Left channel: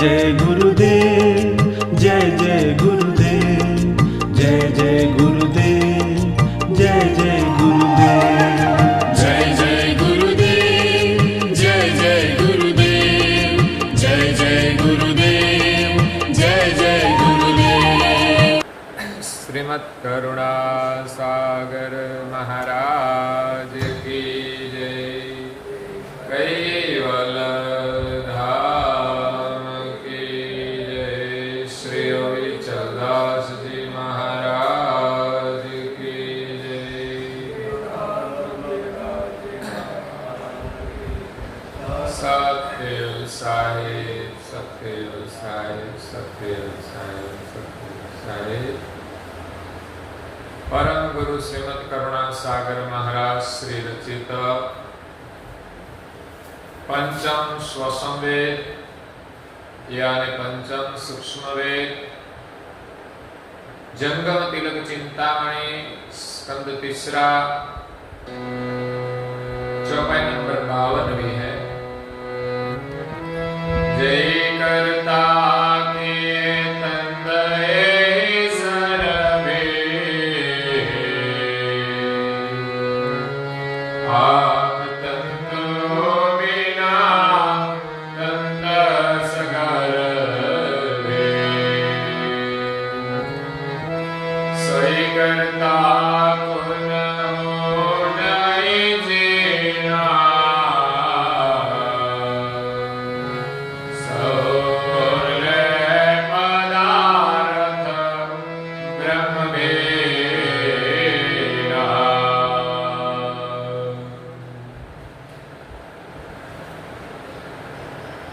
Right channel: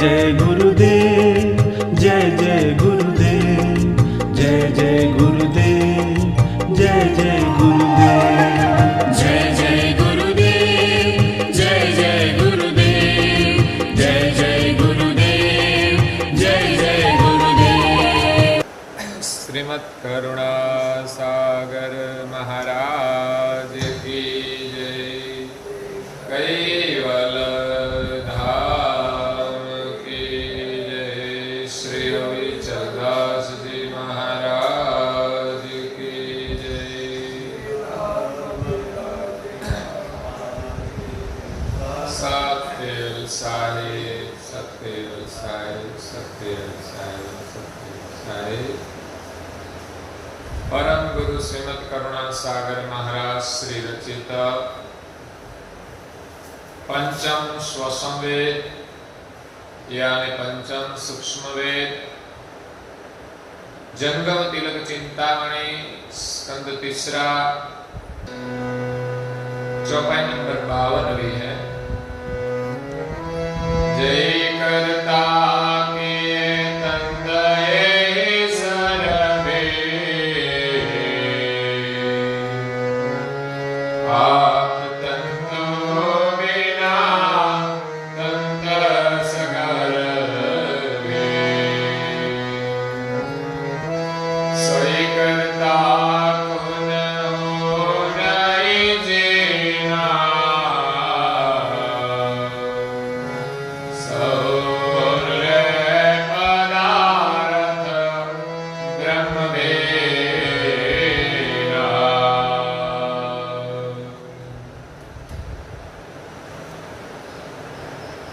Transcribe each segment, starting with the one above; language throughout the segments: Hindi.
जय गुरुदेव, जय जय गुरुदेव, जय जय गुरुदेव, जय जय गुरुदेव, जय जय गुरुदेव, जय जय गुरुदेव, जय जय गुरुदेव, जय जय गुरुदेव। श्रीमद् करुणा सागर महाराज की जय। कैवल धाम की जय। श्री अविचलदास जी महाराज की जय। सत्य साहिब, सत्य साहिब, सत्य साहिब, सत्य साहिब। परम गुरु श्रीमद् करुणा सागर महाराज श्री रचित पंचम स्वसंवेद यानी पंचम सूक्ष्म वेद जंगम तिलक चिंतामणि स्कंद तीसरा चौपाई नंबर 52 भी है। जय करता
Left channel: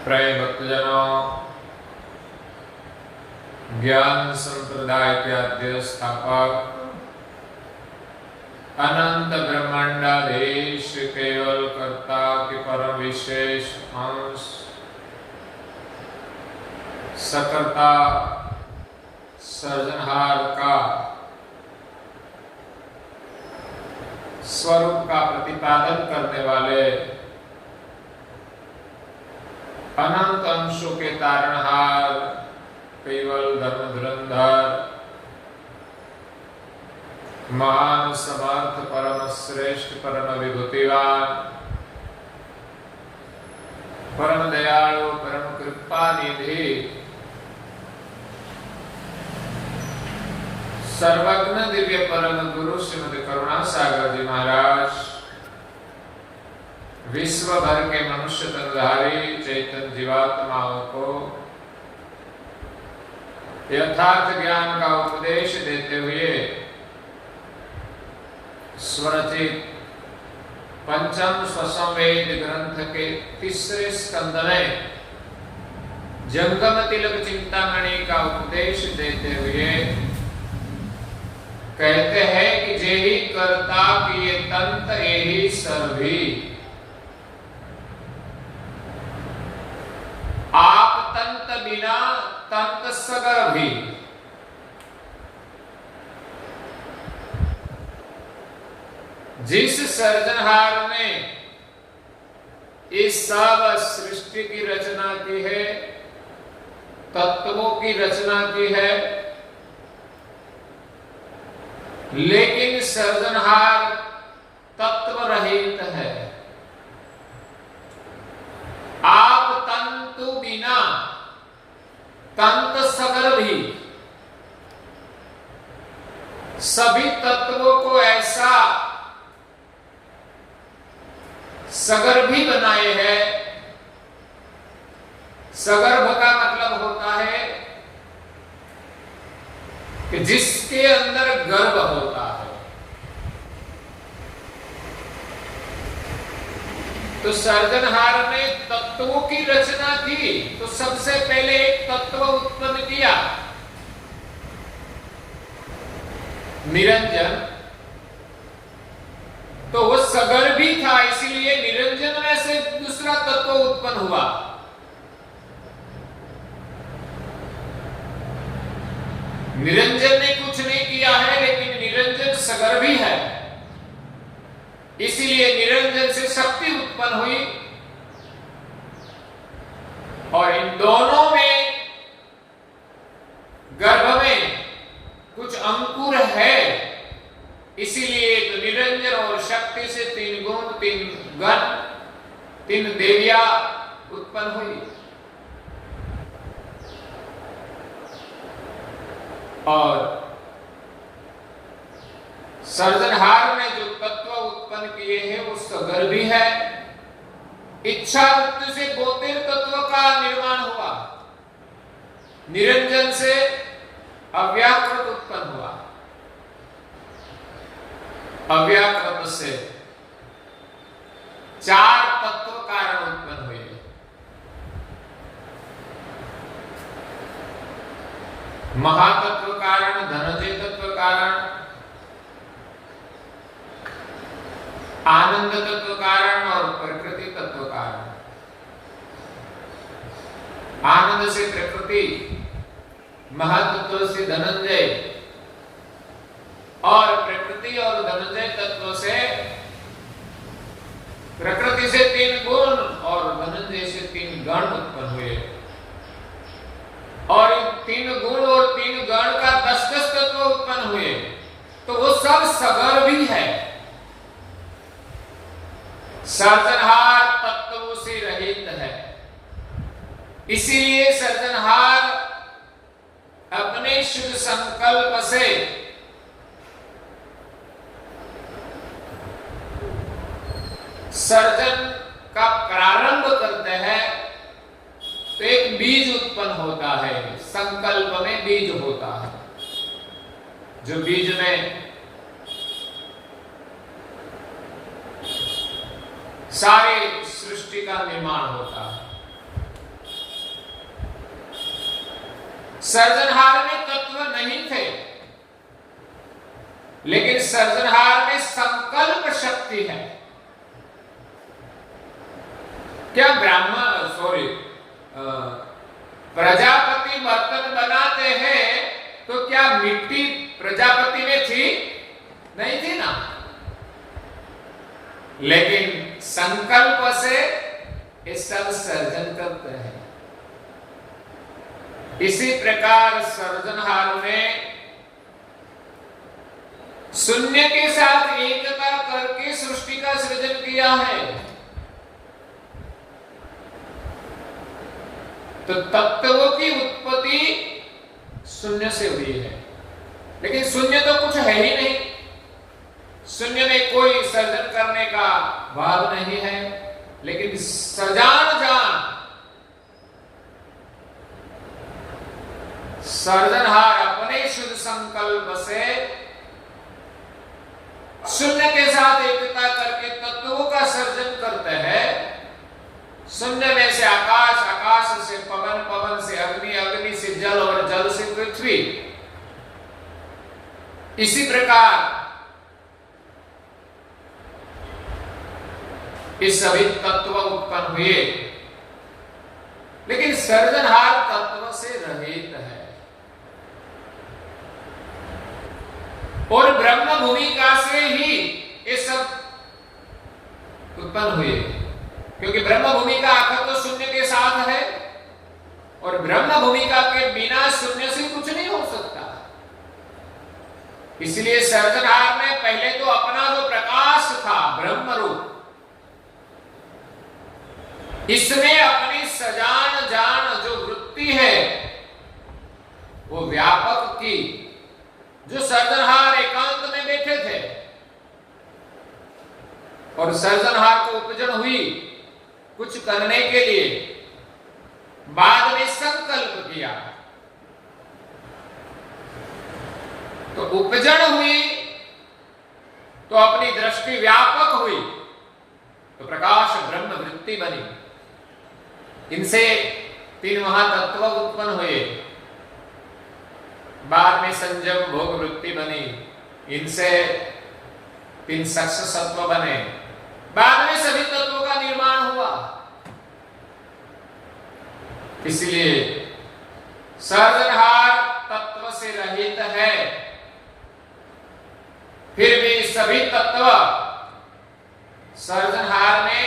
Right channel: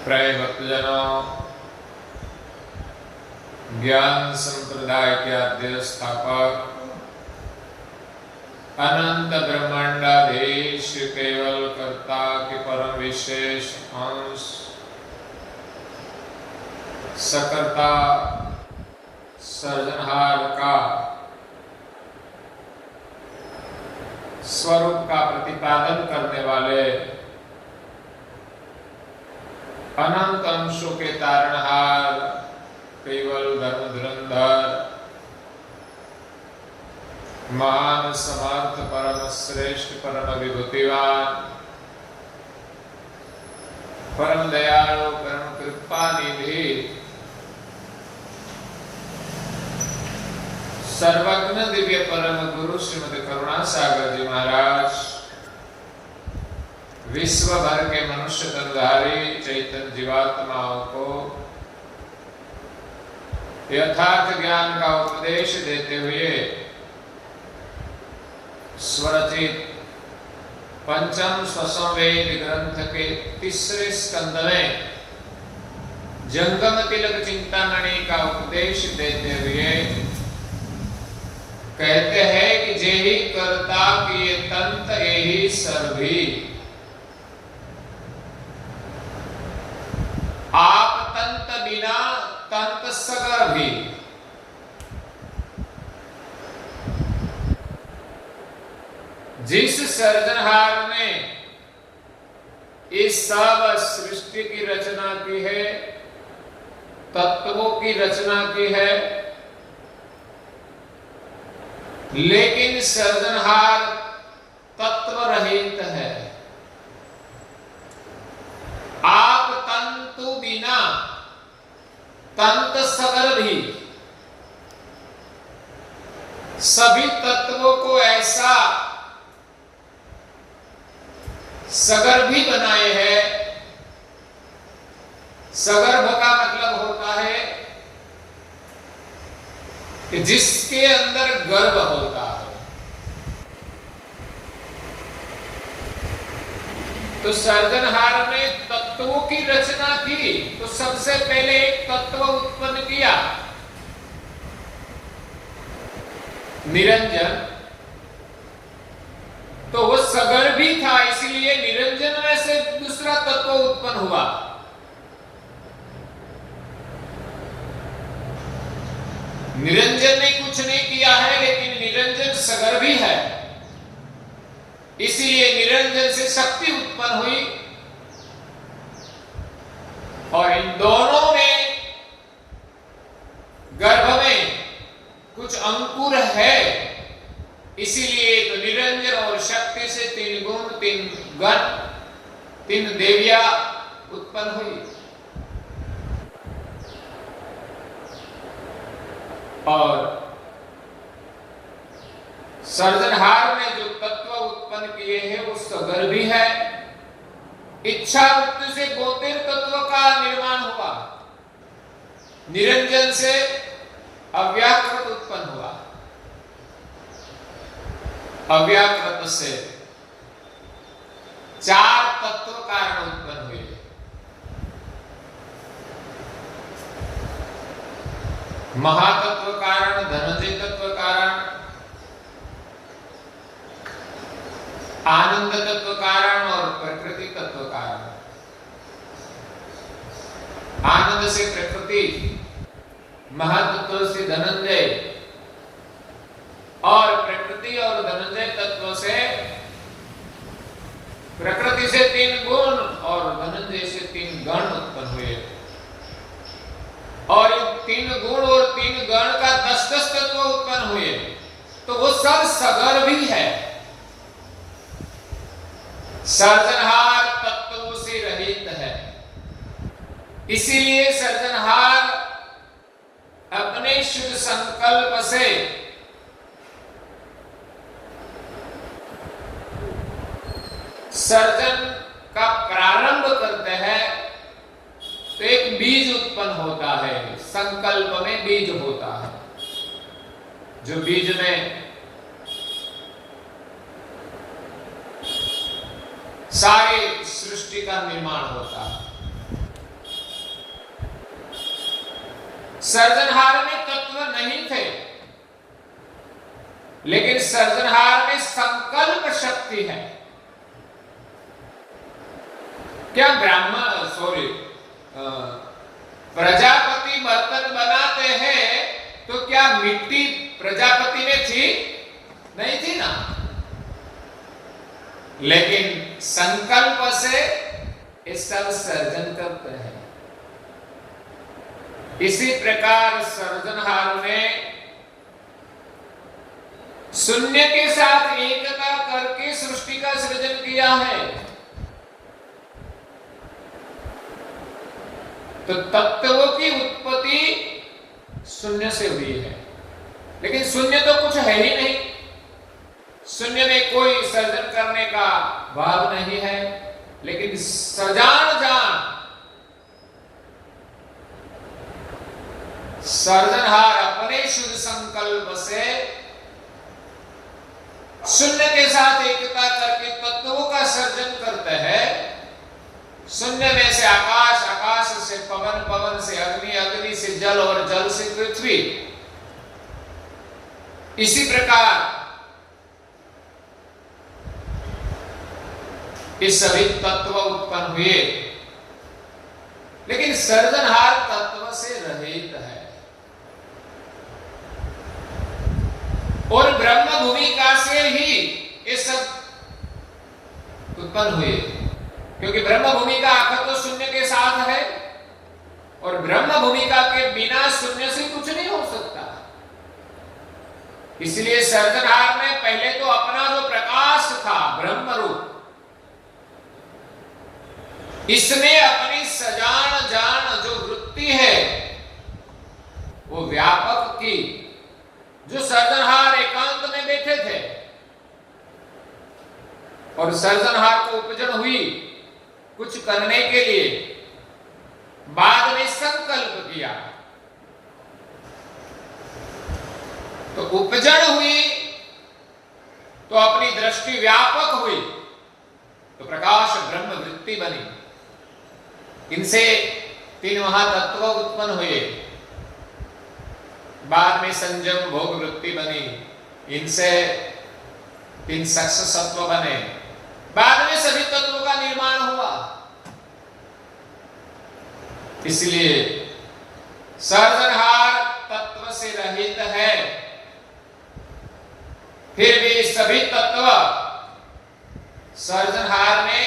प्रिय भक्तजनों, ज्ञान संप्रदाय के आद्य स्थापक अनंत ब्रह्मांडाधीश केवल कर्ता के परम विशेष अंश सकर्ता सर्जनहार का स्वरूप का प्रतिपादन करने वाले अनंत अंशों के तारणहार केवल धर्म धुरंधर महान समर्थ परम श्रेष्ठ परम विभूतिवान परम दयालु परम कृपा निधि सर्वज्ञ दिव्य परम गुरु श्रीमद् करुणा सागर जी महाराज विश्व भर के मनुष्य तनधारी चैतन्य जीवात्माओं को यथार्थ ज्ञान का उपदेश देते हुए स्वरचित पंचम स्वसंवेद ग्रंथ के तीसरे स्कंद में जंगम तिलक चिंतामणि का उपदेश देते हुए कहते हैं कि जेहि कर्ता किए तंत एहि सर्वी। आप तंत बिना तंत सगर भी। जिस सर्जनहार ने इस सब सृष्टि की रचना की है, तत्वों की रचना की है, लेकिन सर्जनहार तत्व रहित है। आप तंतु बिना तंत सगर भी सभी तत्वों को ऐसा सगर भी बनाए हैं। सगर्भ का मतलब होता है कि जिसके अंदर गर्भ होता है। तो सर्जनहार ने तत्वों की रचना की, तो सबसे पहले एक तत्व उत्पन्न किया, निरंजन। तो वो सगर भी था, इसलिए निरंजन में से दूसरा तत्व उत्पन्न हुआ। निरंजन ने कुछ नहीं किया है, लेकिन निरंजन सगर भी है, इसीलिए निरंजन से शक्ति उत्पन्न हुई। और इन दोनों में गर्भ में कुछ अंकुर है, इसीलिए तो निरंजन और शक्ति से 3 गुण, 3 गण, 3 देवियां उत्पन्न हुई। और सर्जनहार ने जो तत्व उत्पन्न किए हैं वो सगर्भी है। इच्छा वृत्ति से 72 तत्व का निर्माण हुआ। निरंजन से अव्याकृत उत्पन्न हुआ, अव्याकृत से 4 तत्व कारण उत्पन्न हुए। महातत्व कारण, धनंजय तत्व कारण, आनंद तत्व कारण और प्रकृति तत्व कारण। आनंद से प्रकृति, महातत्व से धनंजय और प्रकृति और धनंजय तत्व से प्रकृति से 3 गुण और धनंजय से 3 गण उत्पन्न हुए। और इन 3 गुण और 3 गण का 10-10 तत्व उत्पन्न हुए, तो वो सब सगर्भी है। सर्जनहार तत्वों से रहित है, इसीलिए सर्जनहार अपने शुद्ध संकल्प से सर्जन का प्रारंभ करते हैं, तो एक बीज उत्पन्न होता है। संकल्प में बीज होता है, जो बीज में सारी सृष्टि का निर्माण होता है। सर्जनहार में तत्व नहीं थे, लेकिन सर्जनहार में संकल्प शक्ति है। क्या प्रजापति बर्तन बनाते हैं तो क्या मिट्टी प्रजापति में थी? नहीं थी ना। लेकिन संकल्प से ये सब सर्जन करते हैं। इसी प्रकार सर्जनहार ने शून्य के साथ एकता करके सृष्टि का सृजन किया है। तो तत्वों की उत्पत्ति शून्य से हुई है, लेकिन शून्य तो कुछ है ही नहीं। शून्य में कोई सर्जन करने का भाव नहीं है, लेकिन सजान जान सर्जनहार अपने शुद्ध संकल्प से शून्य के साथ एकता करके तत्वों का सर्जन करते हैं। शून्य में से आकाश, आकाश से पवन, पवन से अग्नि, अग्नि से जल और जल से पृथ्वी। इसी प्रकार ये सभी तत्व उत्पन्न हुए, लेकिन सर्जनहार तत्व से रहित है। और ब्रह्म भूमिका से ही ये सब उत्पन्न हुए, क्योंकि ब्रह्म भूमिका आखिर तो शून्य के साथ है, और ब्रह्म भूमिका के बिना शून्य से कुछ नहीं हो सकता। इसलिए सर्जनहार ने पहले तो अपना जो प्रकाश था ब्रह्म रूप, इसमें अपनी सजान जान जो वृत्ति है वो व्यापक की। जो सर्जनहार एकांत में बैठे थे और सर्जनहार को उपजन हुई कुछ करने के लिए, बाद में संकल्प किया तो उपजन हुई, तो अपनी दृष्टि व्यापक हुई, तो प्रकाश ब्रह्म वृत्ति बनी। इनसे 3 महातत्व उत्पन्न हुए, बाद में संयम भोग वृत्ति बनी, इनसे 3 सक्ष सत्व बने, बाद में सभी तत्वों का निर्माण हुआ। इसलिए सर्जनहार तत्व से रहित है, फिर भी सभी तत्व सर्जनहार ने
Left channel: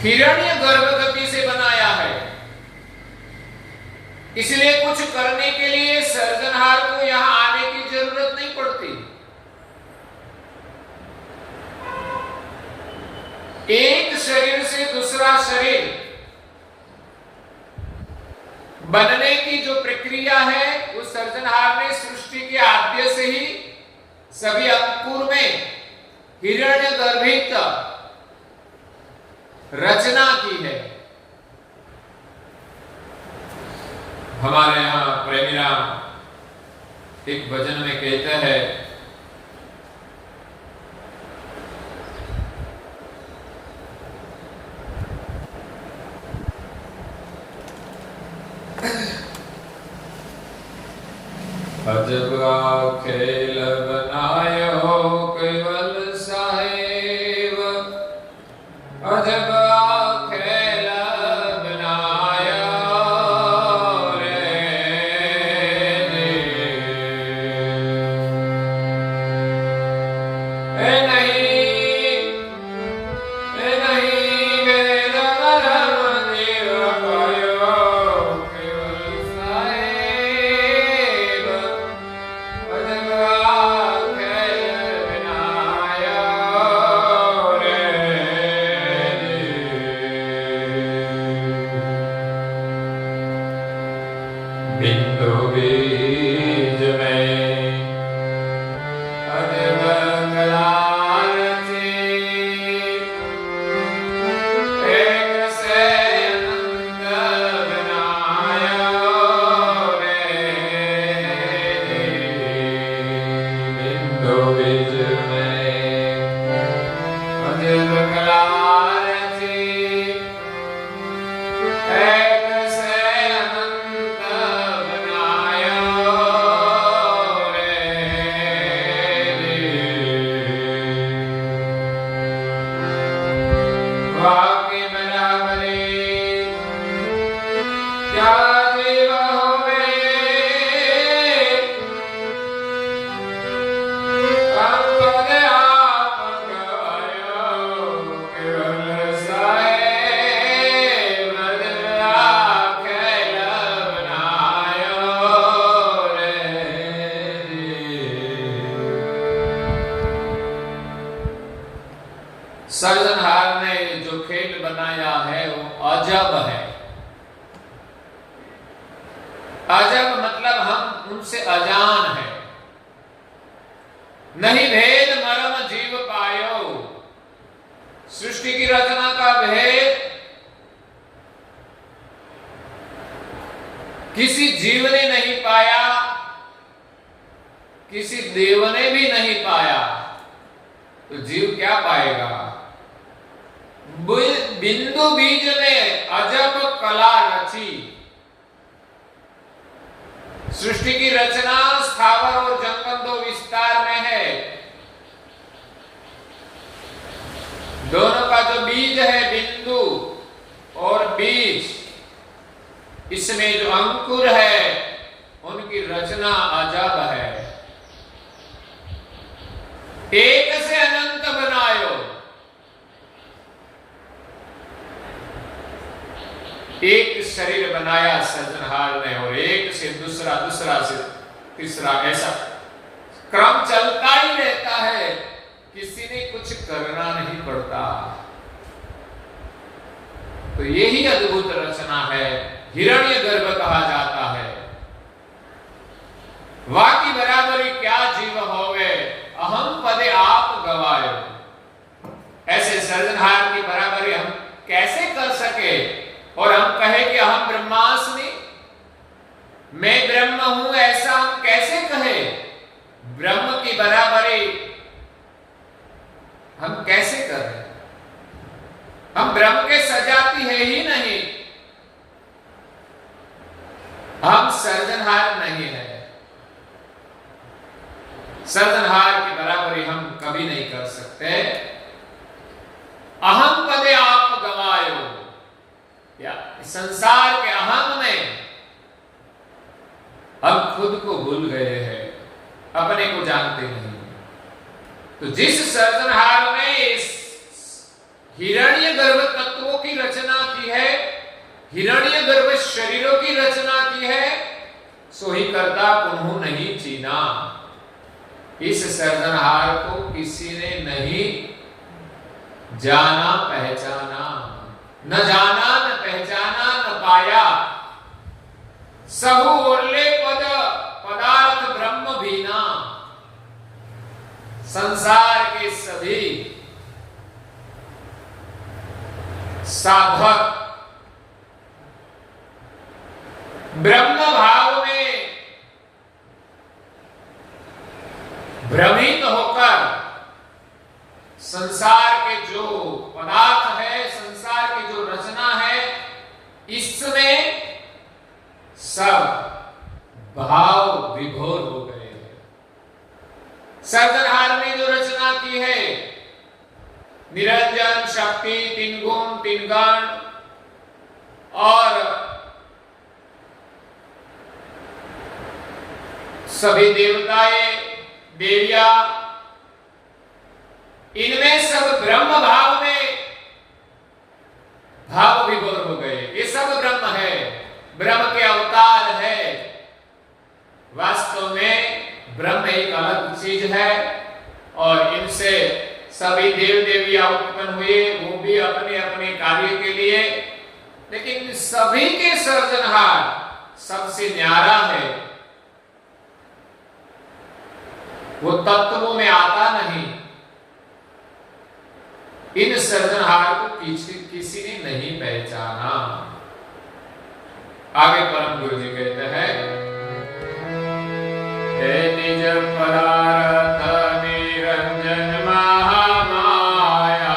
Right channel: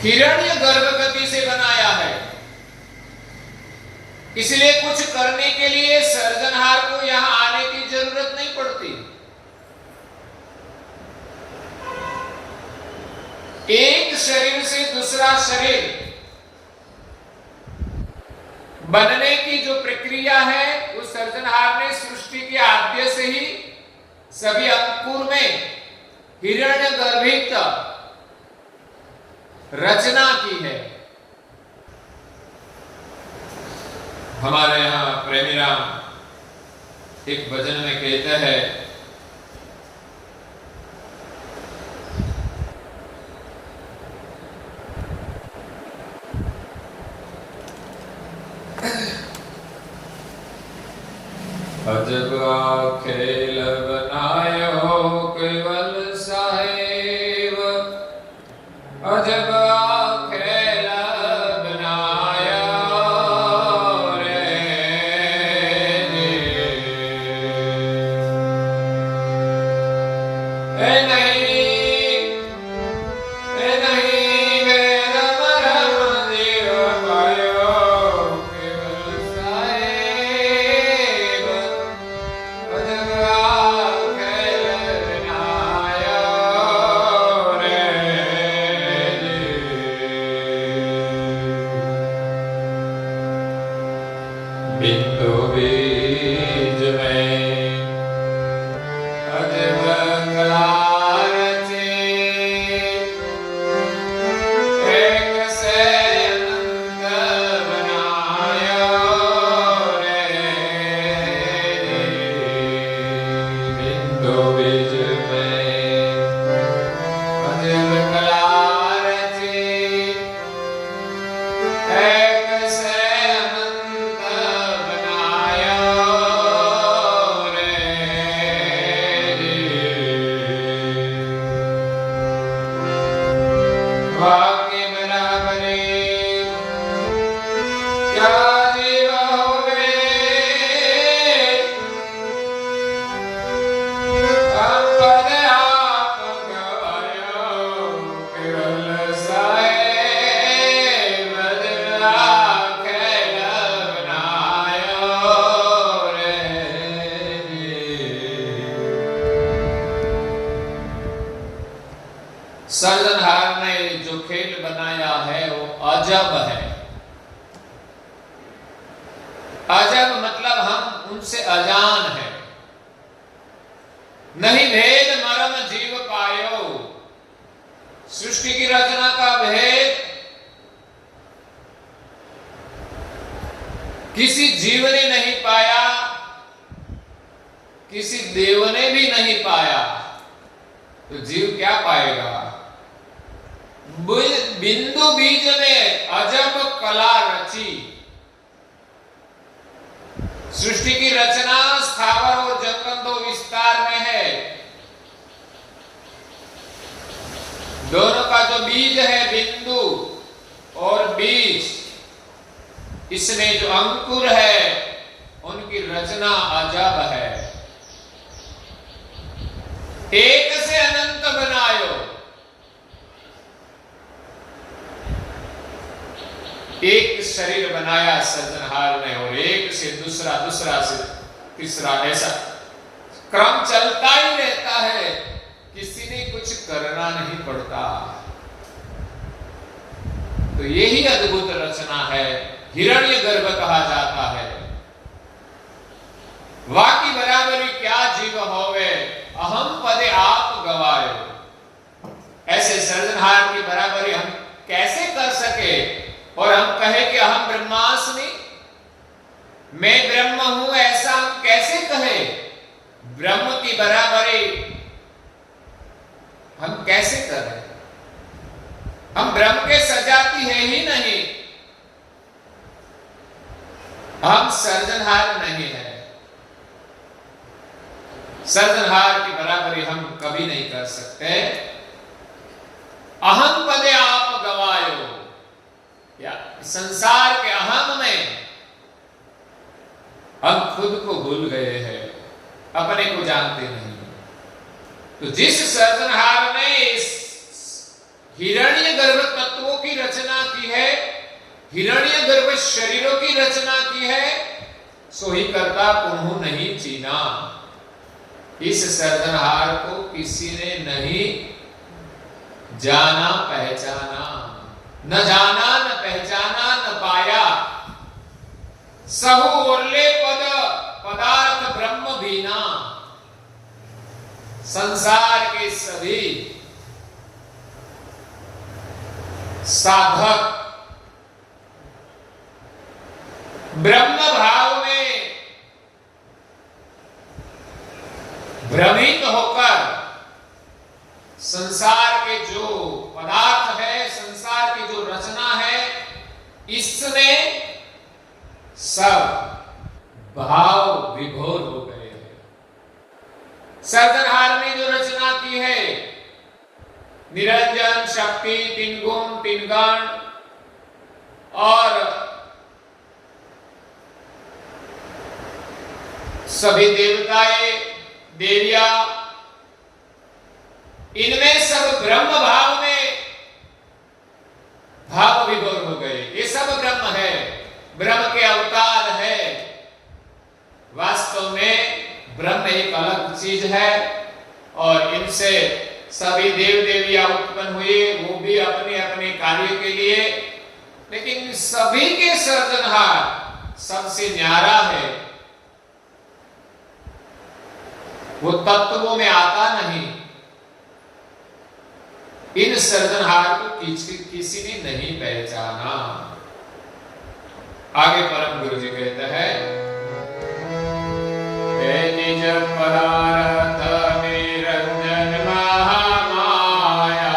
हिरण्य गर्भ गति से बनाया है। इसलिए कुछ करने के लिए सर्जनहार को यहां आने की जरूरत नहीं पड़ती। एक शरीर से दूसरा शरीर बनने की जो प्रक्रिया है उस सर्जनहार ने सृष्टि के आद्य से ही सभी अंकुर में हिरण्यगर्भित रचना की है। हमारे यहां प्रेमीराम एक भजन में कहता है, अजब खेल बनायो केवल साहेब, अजब खेल बनाया रे। नहीं वेद मरम जीव पायो केवल साहेब, अजब खेल बनाया रे। बिंदु बीज में अजब कला रची, एक से अनंत बनाया रे। बिंदु बीज में अजब कला रची, एक से अनंत बनाया रे। बाकी बराबरी क्या जीव होवे, हम पद आप गवायो केवल साहेब, अजब खेल बनायो रे। सर्जनहार ने जो खेल बनाया है वो अजब है। अजब मतलब हम उनसे अजान है। नहीं भेद मरम जीव पायो, सृष्टि की रचना का भेद किसी जीव ने नहीं पाया, किसी देव ने भी नहीं पाया, तो जीव क्या पाएगा? बिंदु बीज में अजब कला रची, सृष्टि की रचना स्थावर और जंगम दो विस्तार में है। दोनों का जो बीज है बिंदु और बीज, इसमें जो अंकुर है उनकी रचना अजब है। एक से अनंत बनायो, एक शरीर बनाया सर्जनहार ने और एक से दूसरा, दूसरा से तीसरा, ऐसा क्रम चलता ही रहता है। किसी ने कुछ करना नहीं पड़ता। तो यही अद्भुत रचना है, हिरण्यगर्भ कहा जाता है। वाकी बराबरी क्या जीव होवे, अहम पदे आप गवायो। ऐसे सर्जनहार की बराबरी हम कैसे कर सके और हम कहे कि हम ब्रह्मास्मि, मैं ब्रह्म हूं, ऐसा हम कैसे कहे? ब्रह्म की बराबरी हम कैसे करें? हम ब्रह्म के सजाती है ही नहीं, हम सर्जनहार नहीं है। सर्जनहार की बराबरी हम कभी नहीं कर सकते। अहम पदे आप गवायो, या संसार के अहम में हम खुद को भूल गए हैं, अपने को जानते नहीं। तो जिस सर्जनहार ने इस हिरण्यगर्भ तत्वों की रचना की है, हिरण्यगर्भ शरीरों की रचना की है, सो ही करता कुन्हू नहीं चीना। इस सर्जनहार को किसी ने नहीं जाना पहचाना, न जाना न पहचाना न पाया। सबु ओरले पद पदार्थ ब्रह्म बीना। संसार के सभी साधक ब्रह्म भाव में भ्रमित होकर संसार के जो पदार्थ है, संसार की जो रचना है, इसमें सब भाव विभोर हो गए हैं। सर्जनहार ने जो रचना की है, निरंजन शक्ति, तीन गुण, तीन गण और सभी देवताएं, देविया, इनमें सब ब्रह्म भाव में भाव विभोर हो गए। ये सब ब्रह्म है, ब्रह्म के अवतार है। वास्तव में ब्रह्म एक अलग चीज है और इनसे सभी देव देवियां उत्पन्न हुए, वो भी अपने अपने कार्य के लिए। लेकिन सभी के सर्जनहार सबसे न्यारा है, वो तत्वों में आता नहीं। इन सर्जनहार को किसी ने नहीं पहचाना। आगे परम गुरु जी कहते हैं, हे निज पदार्थ निरंजन महामाया,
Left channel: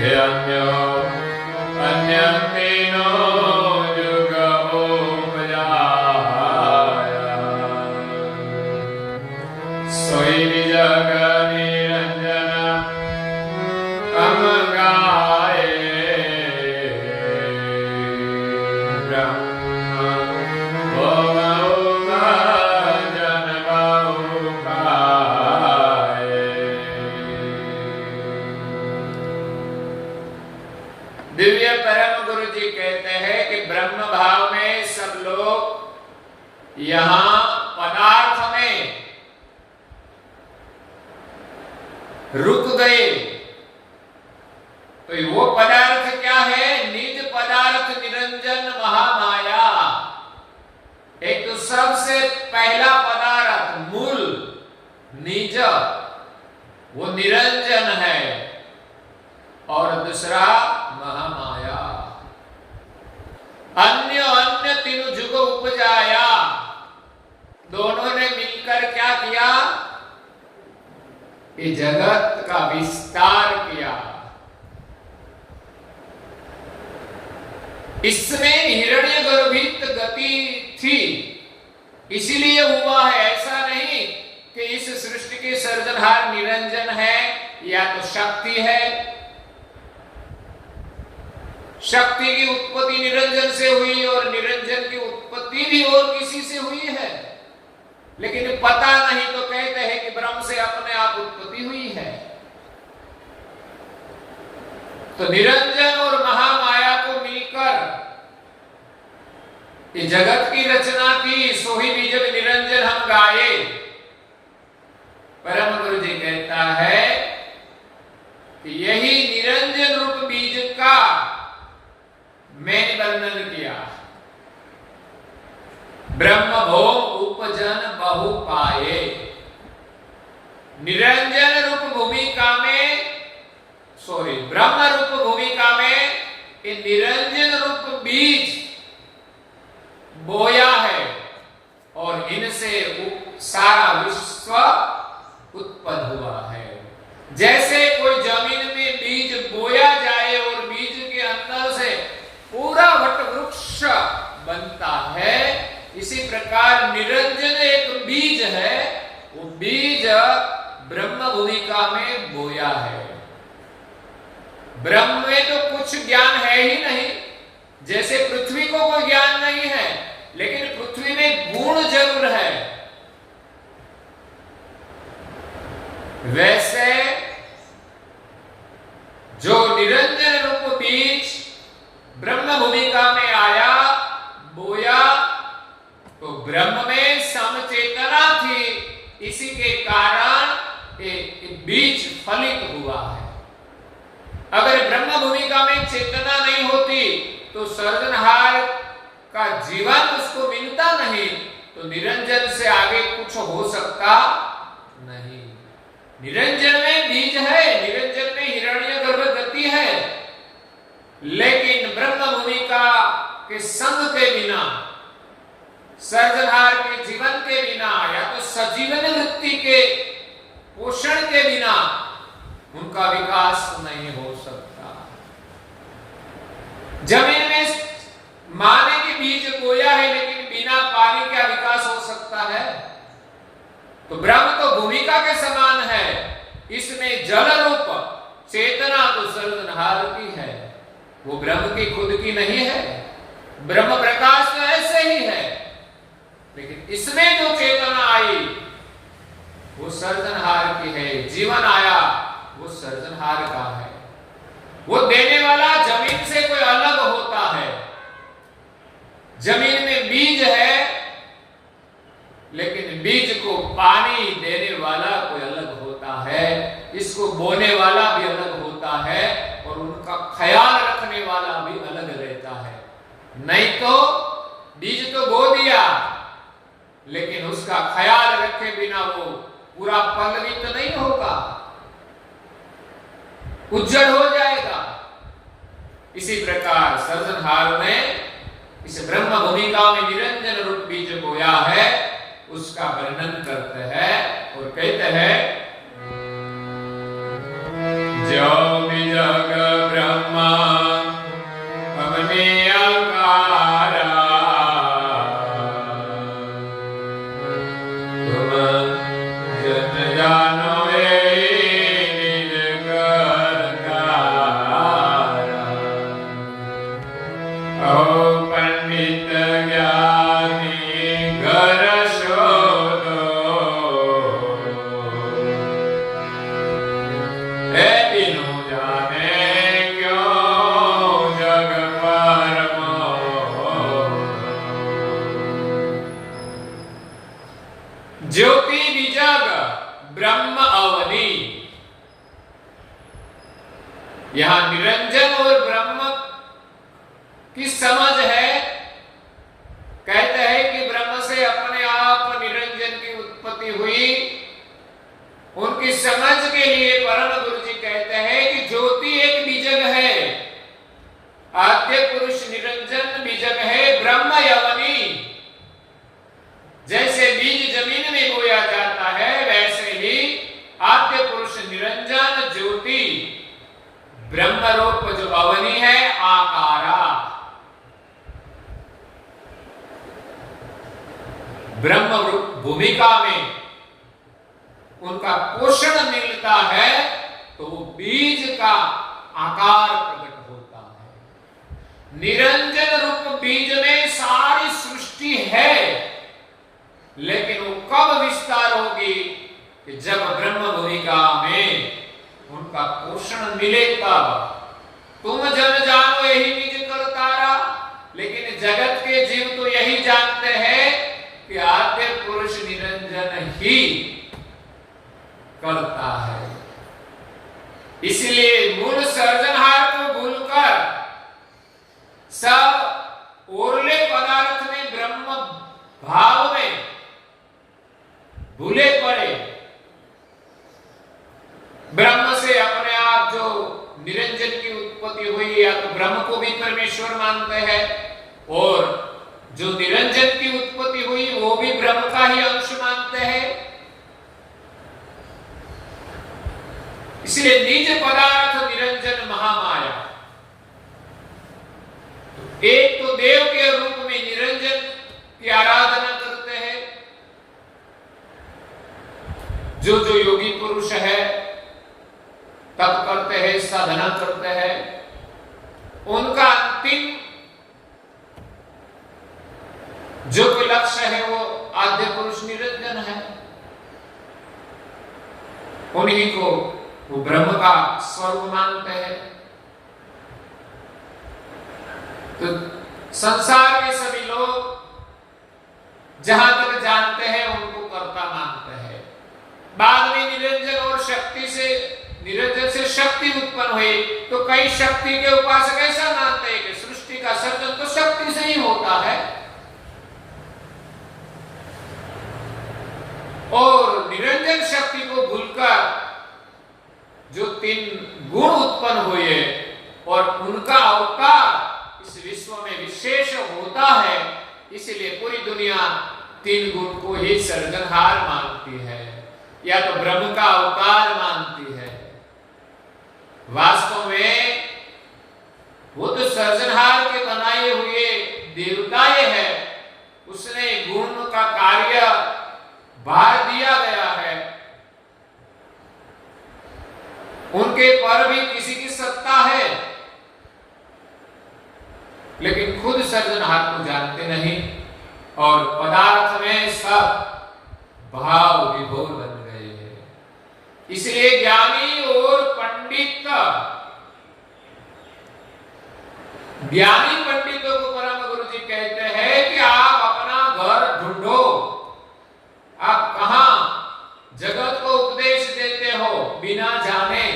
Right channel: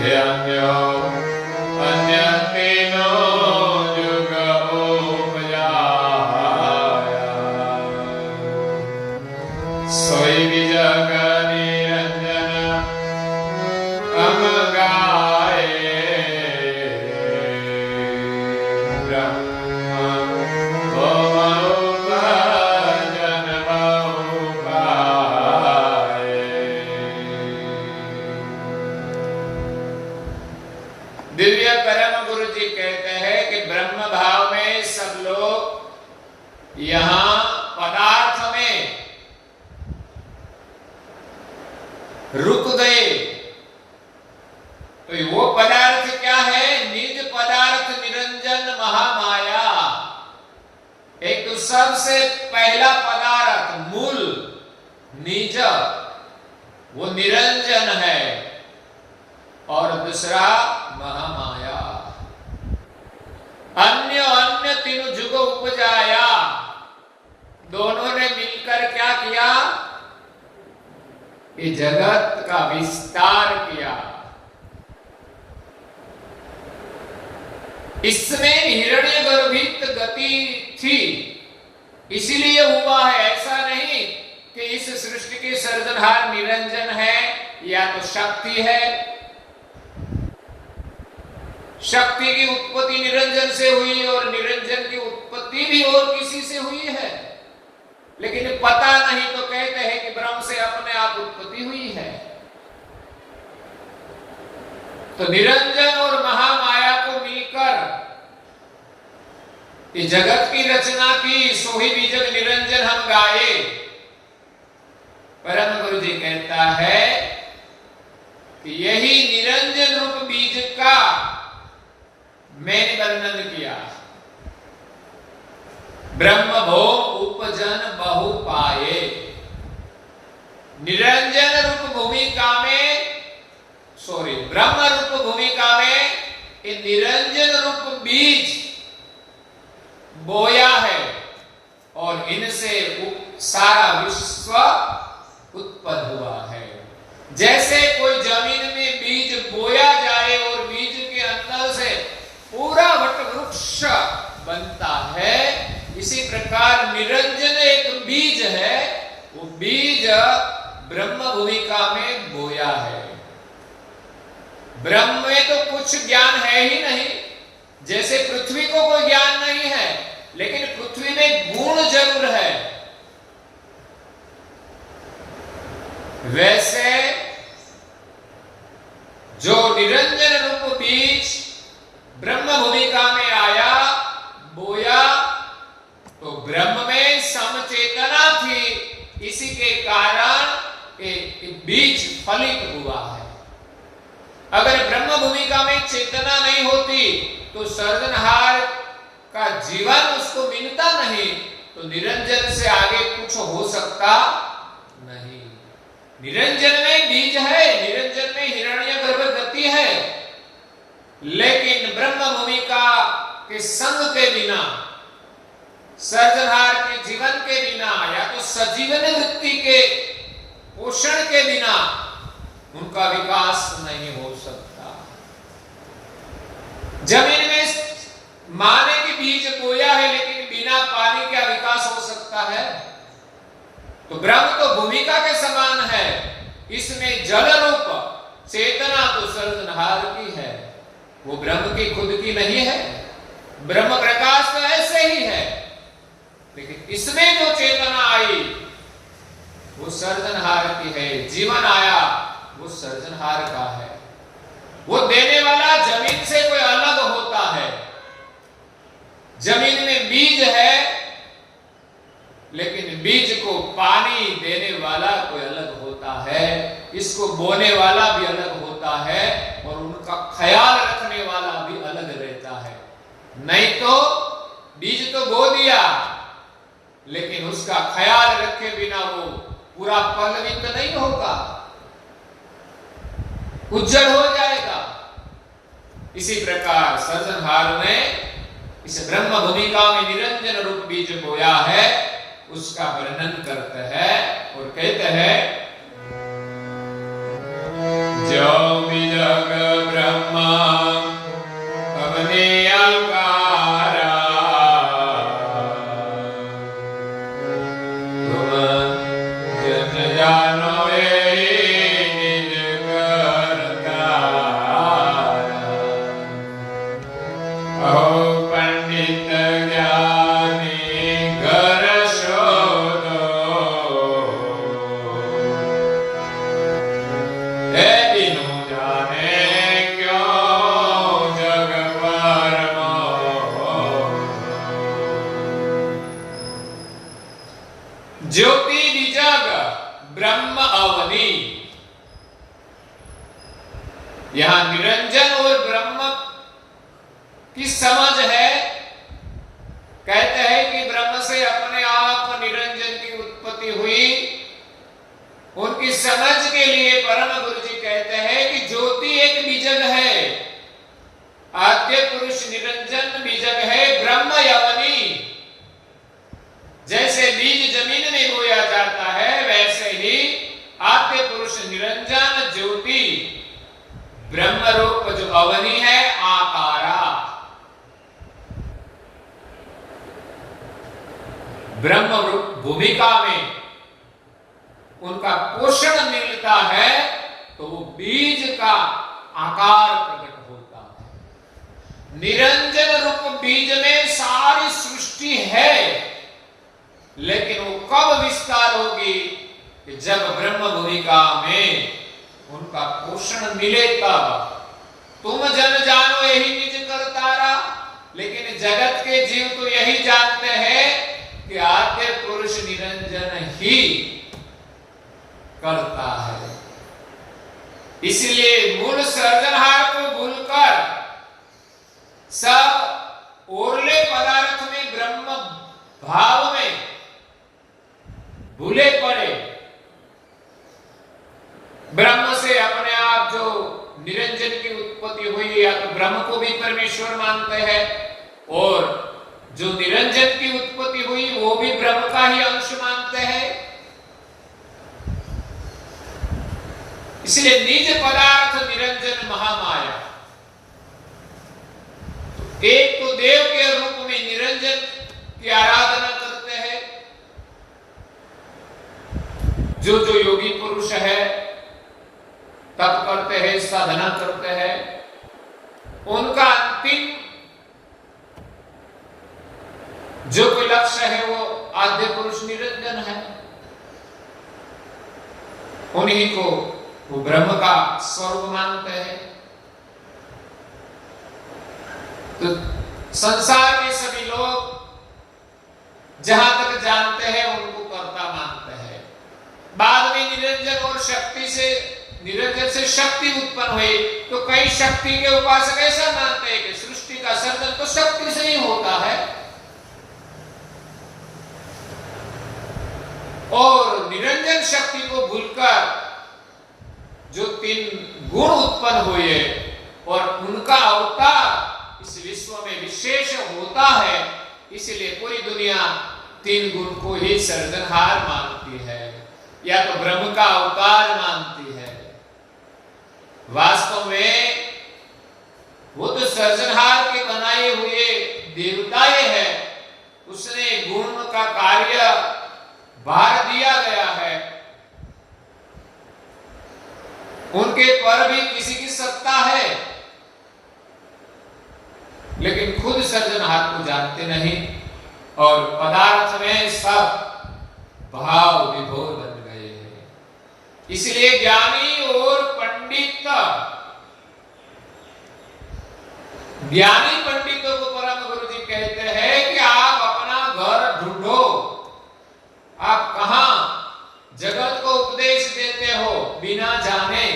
हे अन्य तीनों युग उपजाया, सोई निजग निरंजन हम गाए, ब्रह्म बहु भजन बहु गाए। दिव्य परम गुरु जी कहते हैं कि ब्रह्म भाव में सब लोग यहां पदार्थ में रुक गए। तो वो पदार्थ क्या है? निज पदार्थ निरंजन महामाया। एक तो सबसे पहला पदार्थ मूल निज, वो निरंजन है, और दूसरा महामाया। अन्य अन्य तीनों जुग उपजाया। दोनों ने मिलकर क्या किया? ये जगत का विस्तार किया। इसमें हिरण्यगर्भित गति थी, इसलिए हुआ है। ऐसा नहीं कि इस सृष्टि के सर्जनहार निरंजन है या तो शक्ति है। शक्ति की उत्पत्ति निरंजन से हुई और निरंजन की उत्पत्ति भी और किसी से हुई है, लेकिन पता नहीं तो कहते हैं कि ब्रह्म से अपने आप उत्पत्ति हुई है। तो निरंजन और महामाया को मिलकर ये जगत की रचना की। सोही बीजक निरंजन हम गाए। परम गुरु जी कहता है कि यही निरंजन रूप बीज का मैंने वर्णन किया। ब्रह्म भोम उपजन बहु पाए। निरंजन रूप भूमिका में, ब्रह्म रूप भूमिका में ये निरंजन रूप बीज बोया है और इनसे सारा विश्व उत्पन्न हुआ है। जैसे कोई जमीन में बीज बोया जाए और बीज के अंदर से पूरा वट वृक्ष बनता है, इसी प्रकार निरंजन एक बीज है। वो बीज ब्रह्म भूमिका में बोया है। ब्रह्म में तो कुछ ज्ञान है ही नहीं। जैसे पृथ्वी को कोई ज्ञान नहीं है, लेकिन पृथ्वी में गुण जरूर है। वैसे जो निरंजन रूप बीज ब्रह्म भूमिका में आया, बोया, तो ब्रह्म में समचेतना थी, इसी के कारण एक बीज फलित हुआ है। अगर ब्रह्म भूमिका में चेतना नहीं होती तो सर्जनहार का जीवन उसको मिलता नहीं, तो निरंजन से आगे कुछ हो सकता नहीं। निरंजन में बीज है, निरंजन में हिरण्यगर्भ गति है, लेकिन ब्रह्म भूमिका के संग के बिना, सर्जनहार के जीवन के बिना, या तो सजीवन वृत्ति के पोषण के बिना उनका विकास नहीं हो सकता। जमीन में माने कि बीज बोया है, लेकिन बिना पानी क्या विकास हो सकता है? तो ब्रह्म तो भूमिका के समान है, इसमें जल रूप चेतना तो सर्जनहार की है, वो ब्रह्म की खुद की नहीं है। ब्रह्म प्रकाश तो ऐसे ही है, लेकिन इसमें जो चेतना आई वो सर्जनहार की है, जीवन आया वो सर्जनहार का है। वो देने वाला जमीन से कोई अलग होता है। जमीन में बीज है, लेकिन बीज को पानी देने वाला कोई अलग होता है, इसको बोने वाला भी अलग होता है, और उनका ख्याल रखने वाला भी अलग रहता है। नहीं तो बीज तो बो दिया, लेकिन उसका ख्याल रखे बिना वो पूरा पल्लवित नहीं होगा, उज्जड़ हो जाएगा। इसी प्रकार सर्जनहार ने इस ब्रह्म भूमिका में निरंजन रूप बीज बोया है, उसका वर्णन करते हैं और कहते हैं, जो बीजग ब्रह्मा अपने आकारा, तुम जन जानो निज करतारा। ओ पंडित ज्ञानी घर शोधो, ए बिनु जाने क्यों जग परमो। ज्योति बीजग ब्रह्म अवनी, यहां निरंजन और ब्रह्म की समझ है। कहते हैं कि ब्रह्म से अपने आप निरंजन की उत्पत्ति हुई। उनकी समझ के लिए परम गुरु जी कहते हैं कि ज्योति एक बीजक है, आद्य पुरुष निरंजन बीजक है, ब्रह्म यवनी। जैसे बीज जमीन में बोया जाता है, वैसे ही आद्य पुरुष निरंजन ज्योति ब्रह्म रूप जो अवनी है, आकारा, ब्रह्म रूप भूमिका में उनका पोषण मिलता है, तो वो बीज का आकार प्रकट होता है। निरंजन रूप बीज में सारी सृष्टि है, लेकिन वो कब विस्तार होगी? कि जब ब्रह्म भूमिका में उनका पोषण मिले तब। तुम जन जानो यही निज करतारा, लेकिन जगत के जीव तो यही जानते हैं कि आद्य पुरुष निरंजन ही करता है। इसलिए मूल सर्जनहार को भूलकर सब ओरले पदार्थ में, ब्रह्म भाव में भूले पड़े। ब्रह्म से अपने आप जो निरंजन की उत्पत्ति हुई, या तो ब्रह्म को भी परमेश्वर मानते हैं, और जो निरंजन की उत्पत्ति हुई वो भी ब्रह्म का ही अंश मानते हैं। इसलिए निज पदार्थ निरंजन महामाया। एक तो देव के रूप में निरंजन की आराधना करते हैं, जो जो योगी पुरुष है तप करते हैं, साधना करते हैं, उनका अंतिम जो कोई लक्ष्य है वो आद्य पुरुष निरंजन है। उन्हीं को वो ब्रह्म का स्वरूप मानते हैं। तो संसार के सभी लोग जहां तक जानते हैं उनको कर्ता मानते हैं। बाद में निरंजन और शक्ति से, निरंजन से शक्ति उत्पन्न हुई, तो कई शक्ति के उपासक ऐसा मानते हैं कि सृष्टि का सर्जन तो शक्ति से ही होता है, और निरंजन शक्ति को भूलकर जो 3 गुण उत्पन्न हुए और उनका अवतार इस विश्व में विशेष होता है, इसलिए पूरी दुनिया 3 गुण को ही सर्जनहार मानती है, या तो ब्रह्म का अवतार मानती है। वास्तव में वो तो सर्जनहार के बनाए हुए देवताएं है, उसने गुण का कार्य भार दिया गया है, उनके पर भी किसी की सत्ता है, लेकिन खुद सर्जनहार को जानते नहीं, और पदार्थ में सब भाव विभोर बन गए हैं। इसलिए ज्ञानी और ज्ञानी पंडितों को परम गुरु जी कहते हैं कि आप अपना घर ढूंढो, आप कहां जगत को उपदेश देते हो बिना जाने,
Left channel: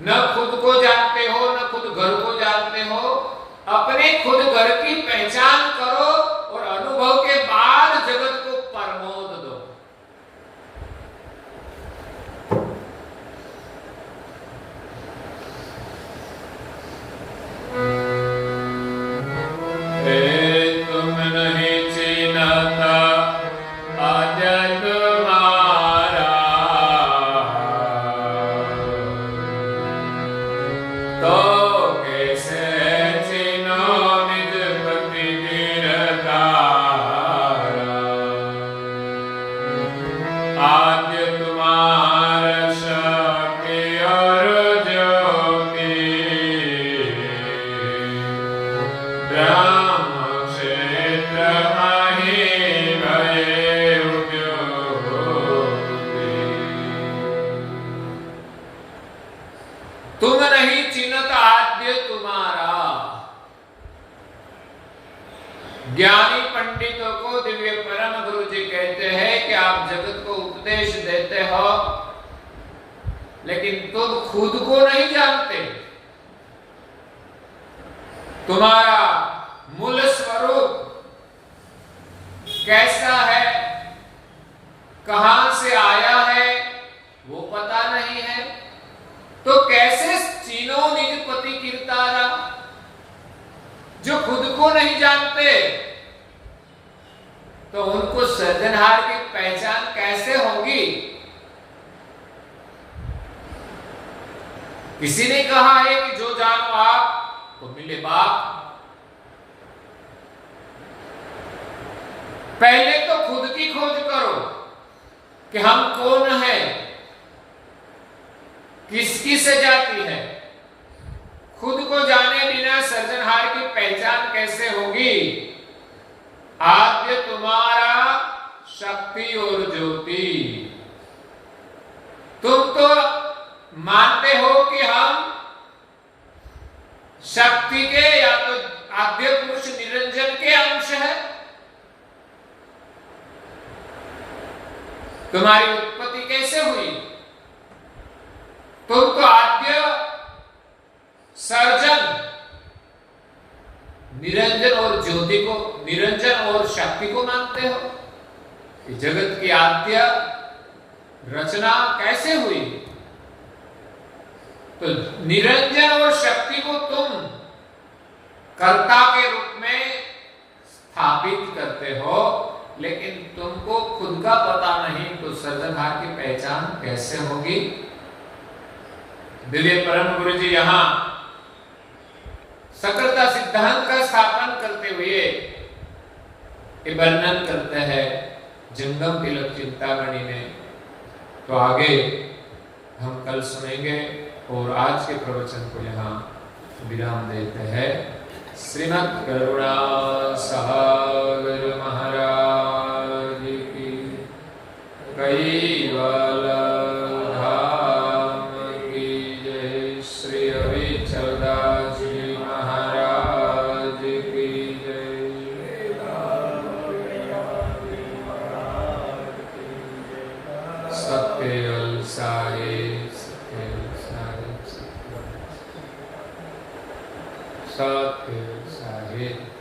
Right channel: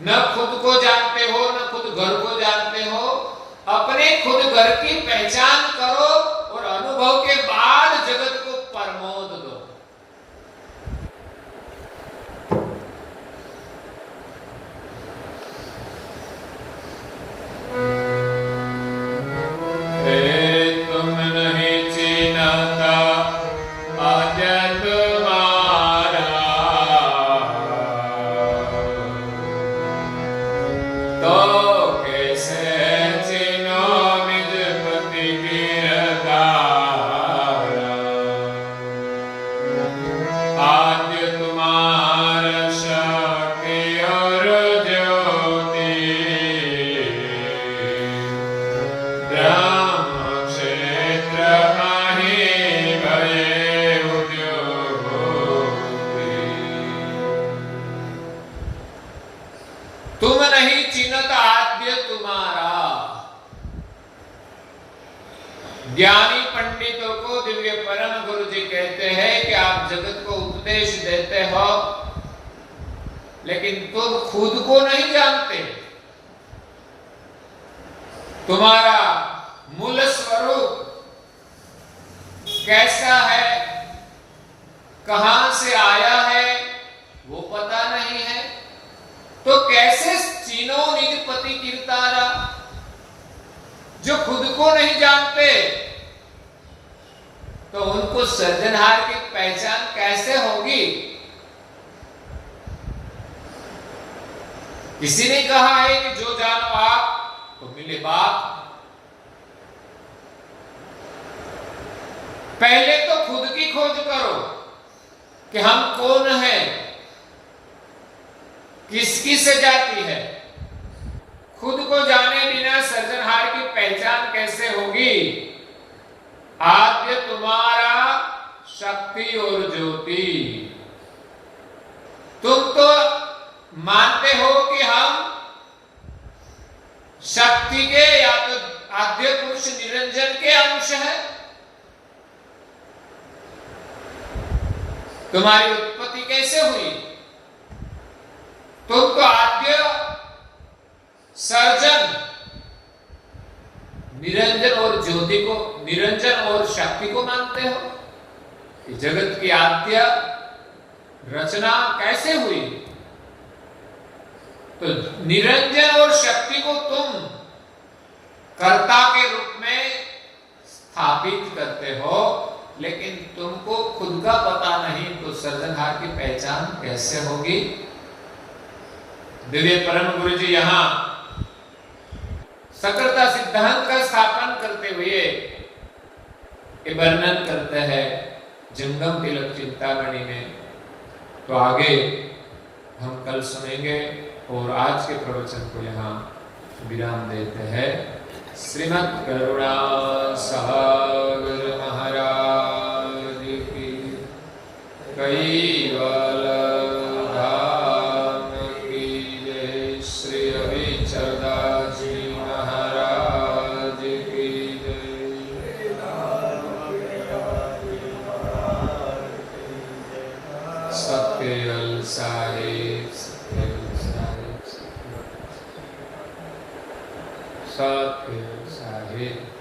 न खुद को जानते हो न खुद घर को जानते हो। अपने खुद घर की पहचान करो और अनुभव के बाद जगत को प्रमोद दो। तुम नहीं चिन्हता आद्य तुम्हारा, तो कैसे चिन्हो निज पति निरतारा। आद्य तुम्हारा शक्ति और ज्योति, ब्रह्म क्षेत्र मही भये उद्योति। तुम नहीं चिन्हत आद्य तुम्हारा। ज्ञानी पंडितों को दिव्य परम गुरु जी कहते हैं कि आप जगत को उपदेश देते हो, लेकिन तुम खुद को नहीं जानते। तुम्हारा मूल स्वरूप कैसा है, कहां से आया है, वो पता नहीं है, तो कैसे चीनो निज पति कीर्तारा। जो खुद को नहीं जानते तो उनको सर्जनहार की पहचान कैसे होगी। किसी ने कहा है कि जो जानो आप तो मिले बाप। पहले तो खुद की खोज करो कि हम कौन हैं, किसकी से जाती है। खुद को जाने बिना सर्जनहार की पहचान कैसे होगी। आद्य तुम्हारा शक्ति और ज्योति। तुम तो मानते हो कि हम शक्ति के या तो आद्य पुरुष निरंजन के अंश है। तुम्हारी उत्पत्ति कैसे हुई। तुम तो आद्य सर्जन निरंजन और ज्योति को, निरंजन और शक्ति को मानते हो कि जगत की आद्य रचना कैसे हुई। तो निरंजन और शक्ति को तुम कर्ता के रूप में स्थापित करते हो, लेकिन तुमको खुद का पता नहीं, तो सर्जनहार की पहचान कैसे होगी। दिव्य परम गुरु जी यहां सकलता सिद्धांत का स्थापन करते हुए ये वर्णन करते हैं जंगम तिलक चिंतामणि में। तो आगे हम कल सुनेंगे और आज के प्रवचन को यहाँ विराम देते हैं। श्रीमद् करुणा सागर महाराज की, कैवल धाम की जय। श्री अविचलदास जी महाराज सतखेल साहेब सतखेल साहेब सतखेल साहेब